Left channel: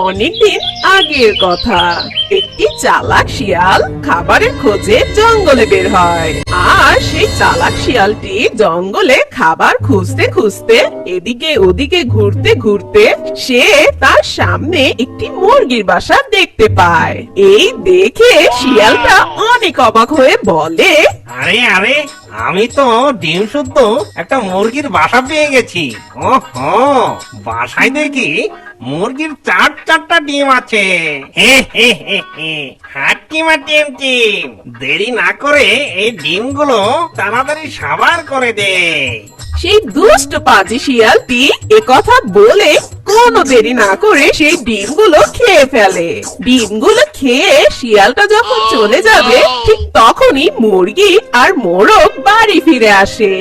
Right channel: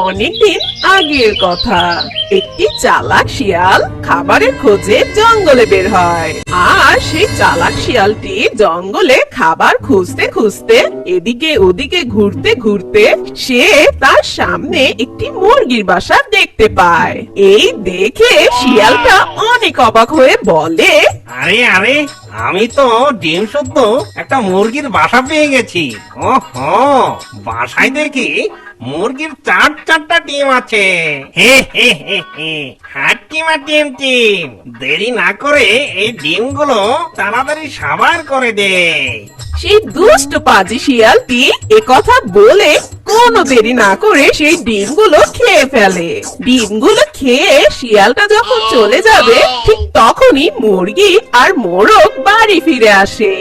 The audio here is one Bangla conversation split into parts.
অনেকদিন আগের কথা। একটি চালাক শিয়াল খাবারের খোঁজে জঙ্গলে বের হয়। আর সেই চালাক শিয়ালটি জঙ্গলে খাবার খুঁজতে খুঁজতে এদিকে ওদিকে ঘুরতে ঘুরতে সে তার সামনে একটি মুরগির বাসা দেখতে পায়। এই দেখে শিয়ালটা অনেক অবাক হয়ে বলে, আরে আরে, আমি তো ডিম শুদ্ধ একটা মুরগির বাসা পেয়ে গেছি। ওহো, বাসায় দেখি মুরগির চারটা ডিম আছে। হে হে হে হে, হাট্টিমা টিম টিম, দেরি না করে এই ডিমগুলো তাড়াতাড়ি সাবার করে দে। সেই দুষ্ট পাজি শিয়ালটি কথা বলে কোনো দেরি না করে সেই ডিমগুলো খেয়ে ফেলে। ডিমগুলো খেয়ে শিয়ালটা যখন চলে যাবে ঠিক তখনই মুরগি আর মোরগ বাড়ি ফিরে আসে।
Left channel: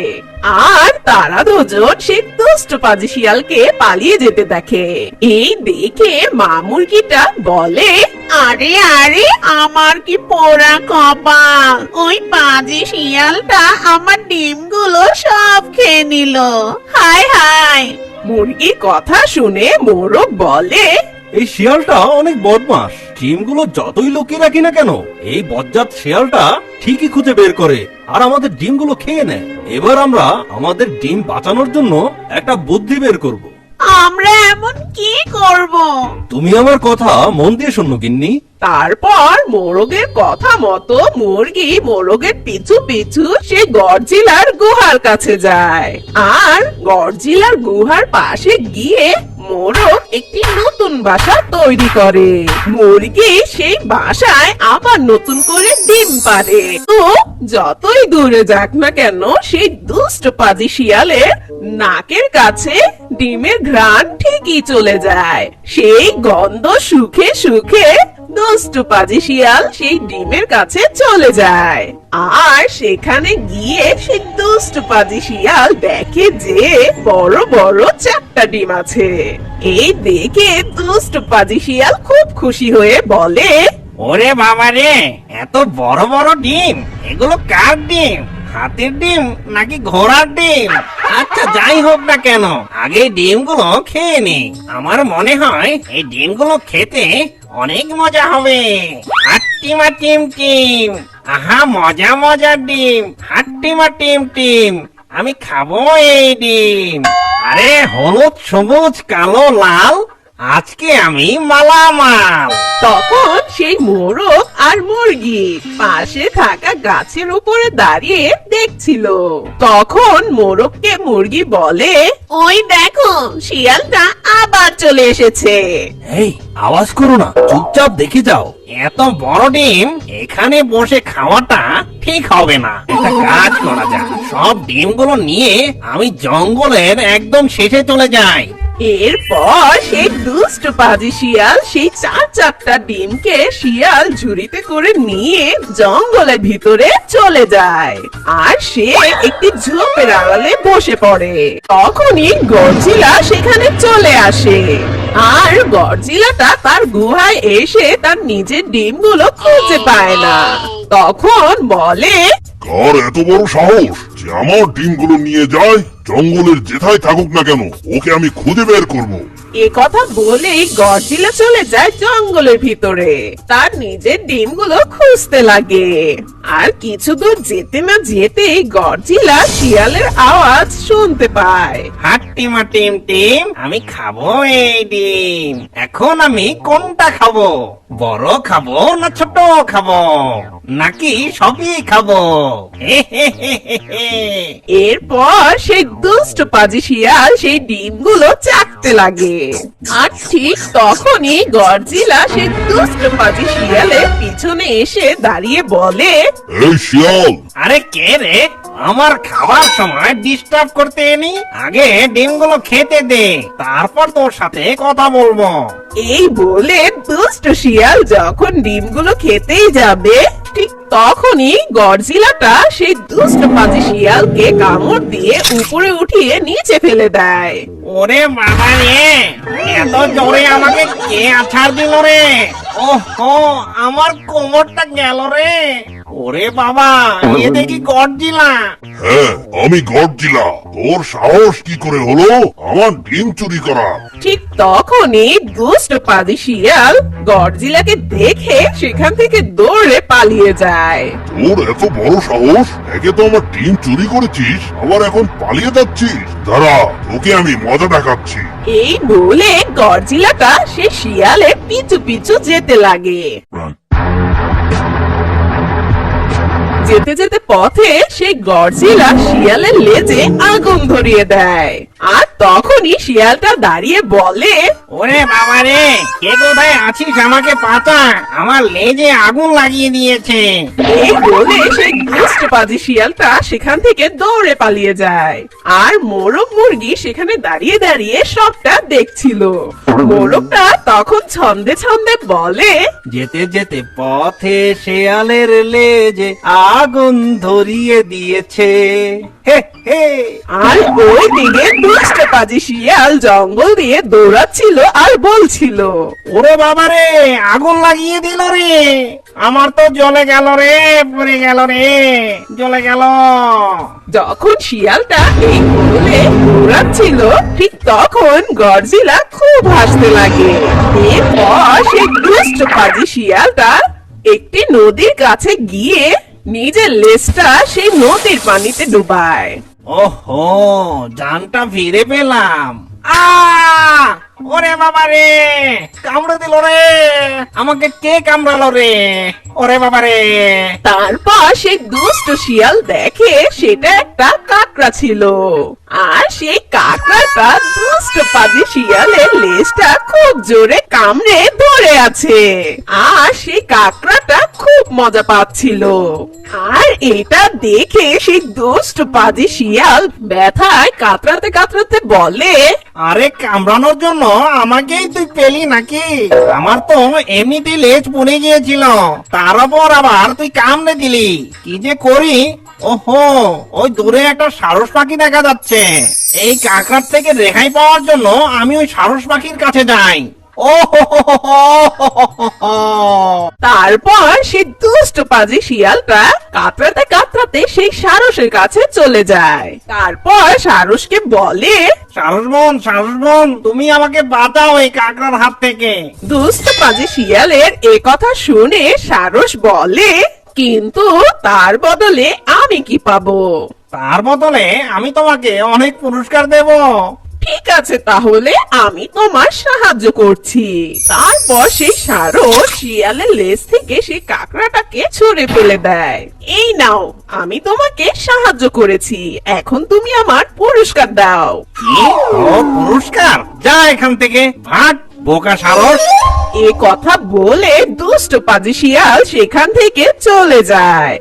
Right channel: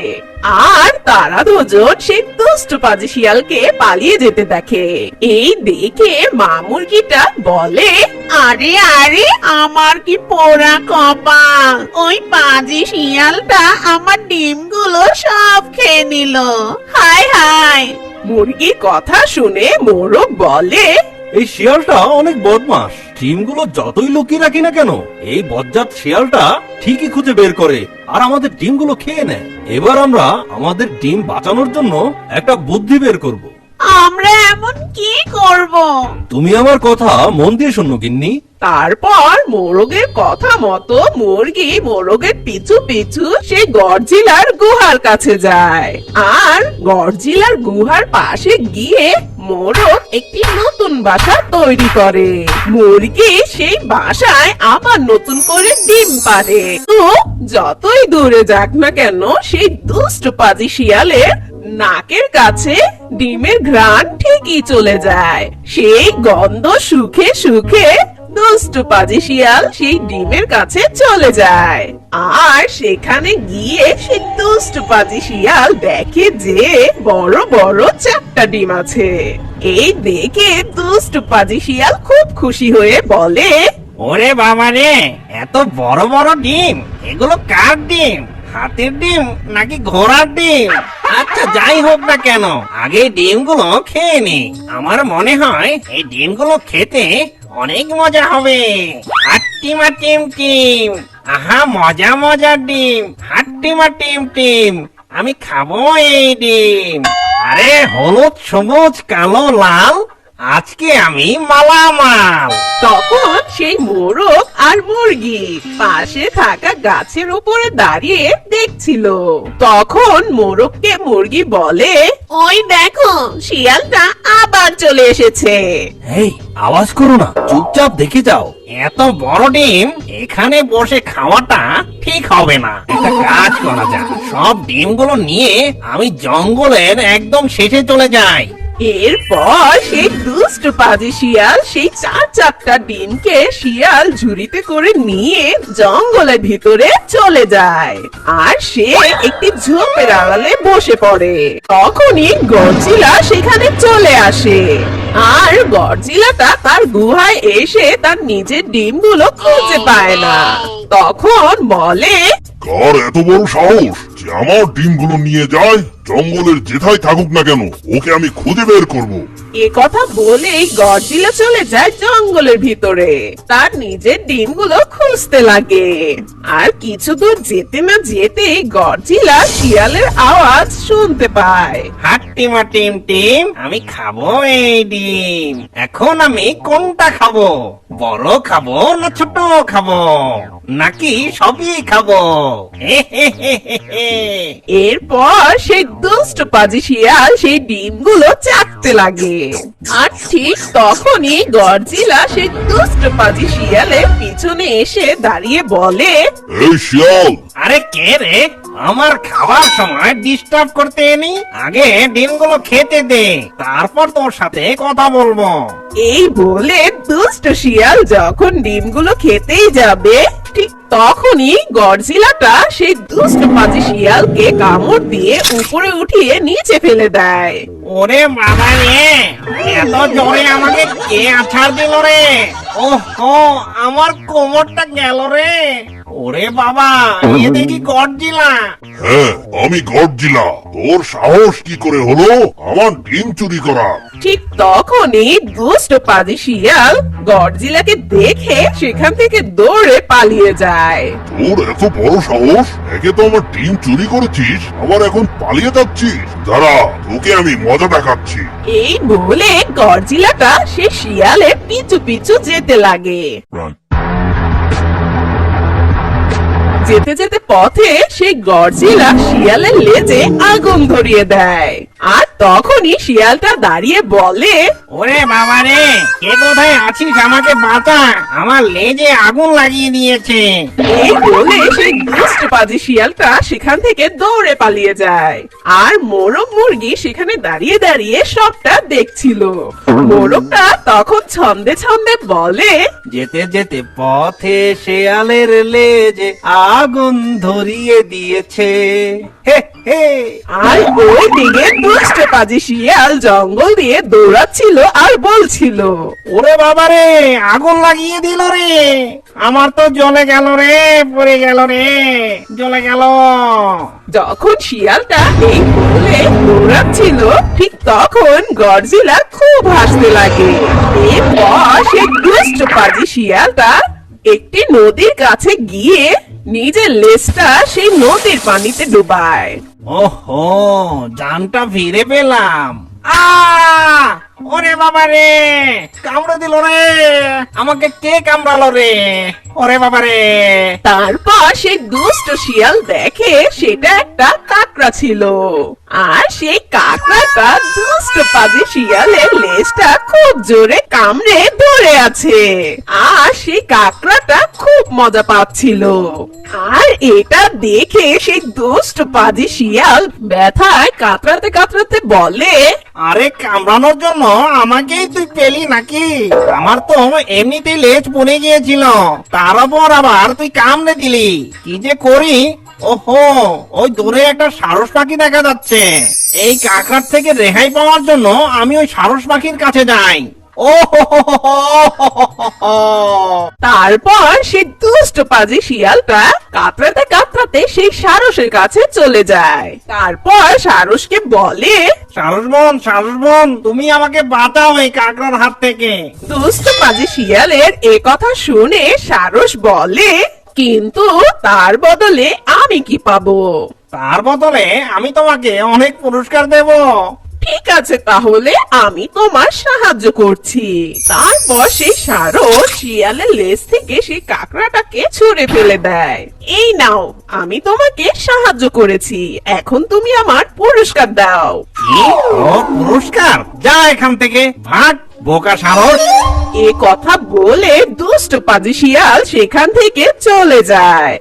আর তারা দুজন সেই দুষ্ট পাজি শিয়ালকে পালিয়ে যেতে দেখে। এই দেখে মা মুরগিটা বলে, আরে আরে, আমার কি পোড়া কপাল, ওই পাজি শিয়ালটা আমার ডিমগুলো সব খেয়ে নিল। হায় হায়। মুরগির কথা শুনে মোরগ বলে, এই শিয়ালটা অনেক বদমাস। ডিমগুলো যতই লুকিয়ে রাখি না কেন, এই বজ্জাত শিয়ালটা ঠিকই খুঁজে বের করে আর আমাদের ডিমগুলো খেয়ে নেয়। এবার আমরা আমাদের ডিম বাঁচানোর জন্য একটা বুদ্ধি বের করব। আমরা এমন কি করব? তুমি আমার কথা মন দিয়ে শোনো গিন্নি। তারপর মোরগের কথা মতো মুরগি মোরগের পিছু পিছু সে গডজিলার গুহার কাছে যায়। আর গডজিলার গুহার পাশে গিয়ে মোরগ একটি নতুন বাসা তৈরি করে। মুরগি সেই বাসায় আবার নতুন করে ডিম পাড়ে। তো যতই দূরে যাক না কেন, সেই দুষ্ট পাজি শিয়ালের নাকের কাছে ডিমের ঘ্রাণ ঠিকই চলে যায়। সেই গন্ধ শুকে শুকে দুষ্ট পাজি শিয়াল সেই ডিমের কাছে চলে যায়। আর সেখানে গিয়ে সেই দুষ্ট পাজি শিয়াল দেখে যে বড় বড় 4টা ডিম আছে। এই দেখে দুষ্ট পাজি শিয়াল খুব খুশি হয়ে বলে, ওরে বাবা রে, এত বড় বড় ডিম, এগুলো কার ডিম? হাতের ডিম নাকি ঘোড়ার ডিম? আচ্ছা, যাই হোক না কেন, আগে ডিমগুলো খেয়ে নি। আমার মনে হয় এই ডিমগুলো খেতে অনেক মজা হবে। হাট্টিমা টিম টিম, আহা মজা মজার ডিম। হাট্টিমা টিম টিম, আমি খাবো এই ডিম। আরে হলুদ সবুজ কালো লাল, আজকে আমি মালামাল। তখন সেই মোরগ আর মুরগি পাশে থাকা গাছের উপরে দাঁড়িয়ে দেখছিল। তখন মোরগকে মুরগি বলে, ওই দেখো, শিয়ালটা আবার চলে এসেছে। এই আওয়াজ করো না, চুপচাপ দেখে যাও। এত বড় ডিম এখানে বসে খাওয়াটা ঠিক হবে না। একটা কাজ করা যায়, সব ডিমগুলো নিয়ে আমি জঙ্গলের একদম শেষে চলে যাই। এরপর সেই দুষ্ট পাজি শিয়াল সেই 4টা ডিমকে শিয়াল ঝুড়িতে করে নিয়ে জঙ্গলের ভিতরে চলে যায়। আর সে একটি ঝোপের আড়ালে বসে পড়ে। তখনই গডজিলা সেখানে চলে আসে। আর গডজিলাটা তার গুহায় এসে তার নিজের ডিমগুলো খুঁজে পায় না। তখন বলে, কার এত বড় সাহস যে আমার ডিমগুলো নিয়ে যায়? জঙ্গলের যেথায় থাকুক না কেন, ওকে আমি খুঁজে বের করব। এ কথা বলেই গডজিলা চলে যায় জঙ্গলের ভিতরে। তার নিজের ডিমগুলো খুঁজতে লাগে। আর কিছু দূর যেতে না যেতেই গডজিলা শিয়ালের আওয়াজ শুনতে পায়। হাট্টিমা টিম টিম, আমি খাবো এই ডিম। এখন আমি কোনটা খাবো? বড় খাবো না ছোট খাবো, নাকি সবই খাবো? হে হে হে হে হে। এরপর সেই দুষ্ট পাজি শিয়াল সেই ডিমগুলো চাটতে লাগে। আর ঠিক তখনই গডজিলা সেই দুষ্ট পাজি শিয়ালের পিছনে এসে দাঁড়িয়ে বলে, এই শিয়াল, আরে কে রে? আমার খাওয়ার সময় ডিস্টার্ব করতে এনি। আগে ডিমগুলো খেতে দে, তারপর তোর সাথে কথা বলবো। এই বলে দুষ্ট শিয়াল যখন ডিমগুলো খেতেই যাবে ঠিক তখনই গডজিলাটা সেই দুষ্ট পাজি শিয়ালকে কামড় দিয়ে উপরে উঠিয়ে নিচে ফেলে দেয়। ওরে বাবা রে, এত জোরে আমাকে কে আছাড় দিল রে? ওহো, আমার কোমরটা গেল রে। ওরে বাবা, এ দেখি গডজিলা। হ্যাঁ, আমি গডজিলা। তোর সাহস কি করে হলো আমার ডিম চুরি করার? ঠিক তখনই দুষ্ট পাজি শিয়াল গডজিলাকে দেখে সেখান থেকে দৌড়ে পালিয়ে যায়। তোর এত বড় সাহস! একে তো আমার ডিম চুরি করেছিস, আবার এখন পালিয়ে যাচ্ছিস। দাঁড়া, তোকে আমি মজা দেখাচ্ছি। এই বলে গডজিলাটা সে শিয়ালের পিছু পিছু যেতে লাগে। যেতে যেতে পথে সেই গডজিলা শিয়ালের লেজে আগুন ধরিয়ে দেয়। আর তখনই শিয়ালটা দাঁড়িয়ে বলে, ওরে বাবা রে, কে কোথায় আছিস? আমাকে বাঁচা, আমার লেজে আগুন লাগিয়ে দিয়েছে। এই বলে সেই দুষ্ট পাজি শিয়ালটা সেখান থেকে দৌড়ে পালিয়ে যায়। আর মোরগ মুরগি সেখানে দাঁড়িয়ে দাঁড়িয়ে সবটা দেখছিল। মোরগটা তখন ছন্দে ছন্দে বলে, যেতে যেতে পথে শেয়ালের লেজে আগুন ধরিয়ে দিয়েছে। হে হে। আর ওইদিকে দুষ্ট পাজি শিয়াল জঙ্গল দিয়ে দৌড়াচ্ছিল আর বলছিল, ওরে বাবা রে, আগুন লাগিয়ে দিল রে, আমার তো জ্বলে গেল রে, পড়ে গেল রে, জ্বলে গেল। যখন শিয়ালটা এই বলে দৌড়াচ্ছিল ঠিক তখন গডজিলা খুব হাসতে লাগে। এরপর সেই দুষ্ট পাজি শিয়ালটা একটি নদীর কাছে গিয়ে নিজের লেজটা সেই নদীর পানিতে ডুবায়। ওহো, জানটা ফিরে পেলাম। ওরে বাবা রে, কামড়ে দিল রে, আমাকে কে কামড়ালো রে? ওরে বাবা রে। তারপর সেই দুষ্ট শিয়াল দেখে সেটা একটা কাকড়া ছিল। আর সেই কাকড়াটা দুষ্ট পাজি শিয়ালের লেজটা খুব জোরে কামড়ে ধরে আছে। আর সেই কাকড়াটা খুব মজা পাচ্ছিল। আর এটা দেখে সেই দুষ্ট পাজি শিয়াল ব্যথায় কাতরাতে কাতরাতে বলে, আরে কামড়ানোর জন্য আমাকেই তুই পেলি নাকি? আমার তো এমনিতেই লেজ পড়ে গিয়েছিল, তার উপর আবার তুই কামড়ে দিলি। কি যে করি। ওহো, ওই দূরে একটা সারস পাখি দেখা যাচ্ছে। এই কাকড়ার থেকে রেহাই পাওয়ার জন্য আমি ওই সারস পাখির কাছে যাই। ও হো হো হো হো হো হো হো। তারপর সেই দুষ্ট পাজি শিয়ালটা কাতরাতে কাতরাতে সেই সারসের কাছে চলে যায়। তারপর সারসকে বলে, সারস বোন, তুমি আমাকে বাঁচাও এই কাকড়ার হাত থেকে। দুষ্ট পাজি শিয়ালের এ কথা শুনে সারস বলে, কিন্তু তার বদলে আমি কি পাবো? তার বদলে আমি তোমাকে অনেক পুরস্কার দেব। ঠিক আছে, তাহলে আমি তোমার সাহায্য করছি। তারপর সেই সারস শিয়ালের লেজ থেকে সেই কাকড়াটাকে ছুঁড়ে ফেলে দেয়। এই নাও, আমি তোমাকে সাহায্য করেছি, এখন তুমি আমার পুরস্কার দাও। কি? ওর পুরস্কার? যা এখান থেকে, হাট বোকা সারস। এ কথা বলে দুষ্ট পাজি শিয়াল সেখান থেকে চলে যায়।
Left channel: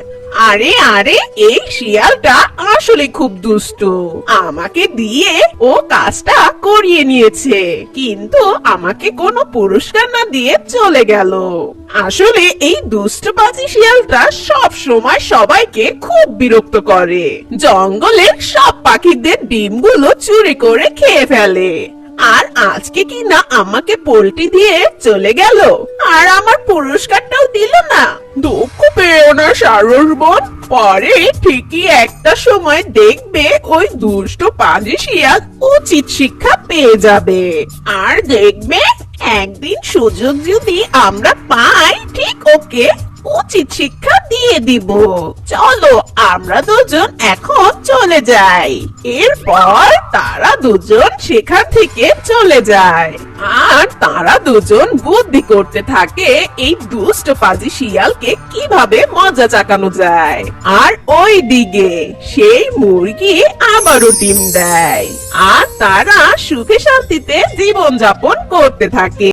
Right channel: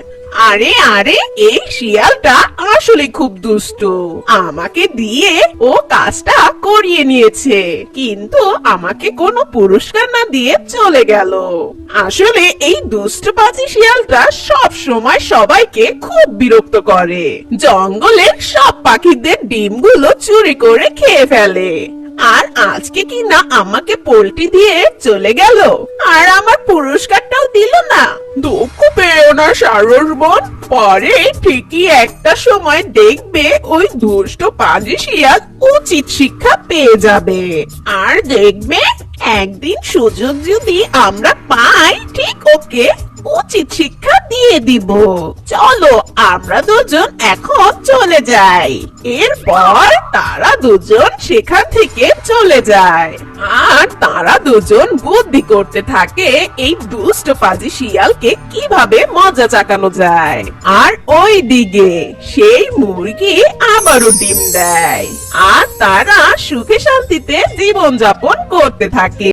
আরে আরে, এই শিয়ালটা আসলে খুব দুষ্টু। আমাকে দিয়ে ও কাজটা করিয়ে নিয়েছে, কিন্তু আমাকে কোনো পুরস্কার না দিয়ে চলে গেল। আসলে এই দুষ্ট পাজি শিয়ালটা সব সময় সবাইকে খুব বিরক্ত করে। জঙ্গলের সব পাখিদের ডিমগুলো চুরি করে খেয়ে ফেলে। আর আজকে কি না আমাকে পোল্ট্রি দিয়ে চলে গেল, আর আমার পুরস্কারটাও দিল না। দুঃখ পেও না সারস বোন, পরে ঠিকই একটা সময় দেখবে ওই দুষ্ট পাজি শিয়াল উচিত শিক্ষা পেয়ে যাবে। আর দেখবে একদিন সুযোগ যদি আমরা পাই, ঠিক ওকে উচিত শিক্ষা দিয়ে দিব। চলো আমরা দুজন এখন চলে যাই। এরপর তারা দুজন সেখান থেকে চলে যায়। আর তারা দুজন বুদ্ধি করতে থাকে এই দুষ্ট পাজি শিয়ালকে কিভাবে মজা চাকানো যায়। আর ওই দিকে সেই মুরগি আবারও ডিম দেয়। আর তারা সুখে শান্তিতে জীবন যাপন করতে থাকে।